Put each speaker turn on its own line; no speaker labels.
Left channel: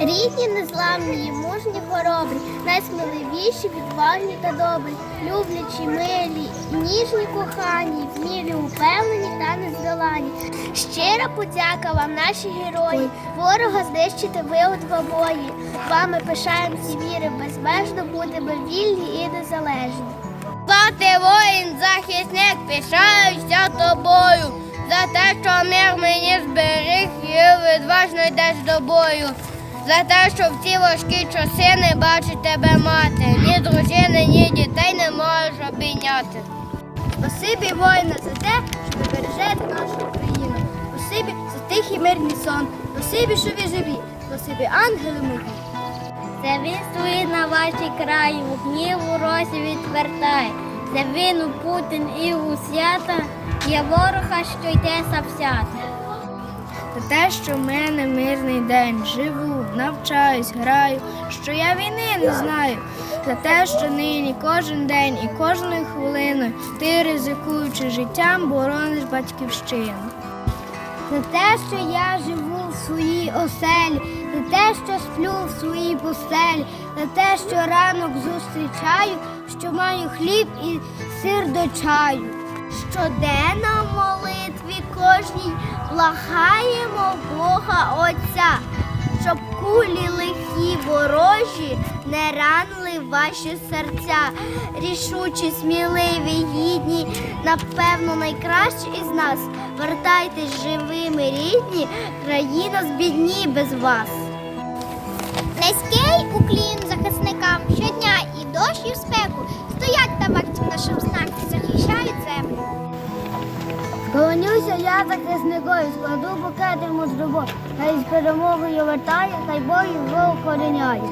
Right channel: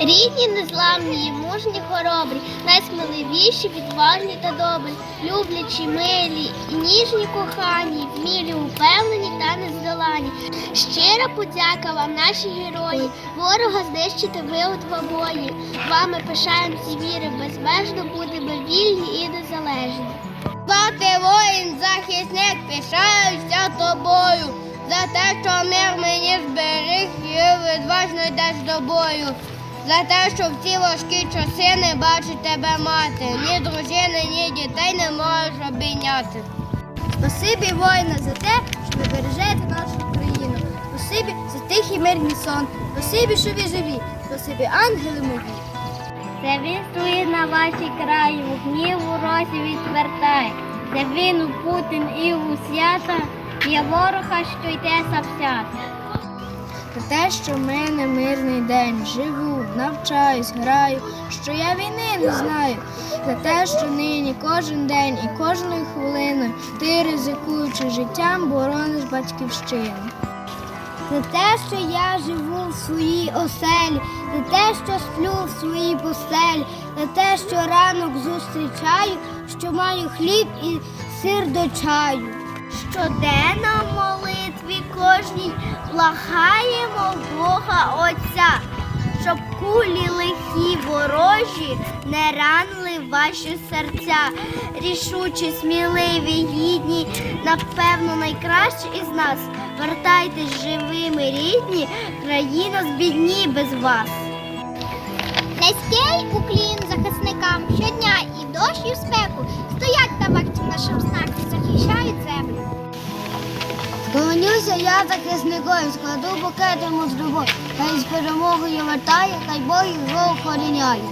Рідні, незламні, мужні, хоробрі, найсміливіші, відважні та добрі, люблячі, милі, ніжні, кохані, вмілі, упевнені та нездолані. Щира подяка вам, наші герої, ворога знищити ви у двобої. Вами пишаємося віри, безмежно будемо вільні і незалежні.
Бати воїн, захисник, пишаюся тобою. За те, що мир мені відважно йдеш до бою. За те, що в ці важкі часи не бачить тебе мати. Ні дружини, ні дітей не можеш обійняти.
Спасибі воїна за те, що ви бережете нашу Україну. Спасибі за тихий мирний сон. Спасибі, що ви живі. Спасибі, ангели мої.
Це він стоїть на вашій краї, гнів у росі відвертає. Це він у Путін і у свята, є ворога, що йде савсята.
За те, що в мене мирний день, живу, навчаюсь, граю, що я війни не знаю. За те, що нині кожен день і кожною хвилиною ти, ризикуючи життям, борониш батьківщину.
За те, що я живу в своїй оселі, за те, що сплю в своїй постелі, за те, що ранок зустрічаю, що маю хліб і сир до чаю. Щоденно в молитві кожній благаємо Бога Отця, щоб кулі лихі ворожі не ранили ваші серця. Рішучі, сміливі, гідні, напевно, найкращі із нас. Вертайтесь живими, рідні, країна збідні без вас.
Низький уклін захисникам щодня і дощ, і в спеку
Склонюся я захисником, складу букет йому з любов, хай з перемогою вертає, хай Бог його охороняє.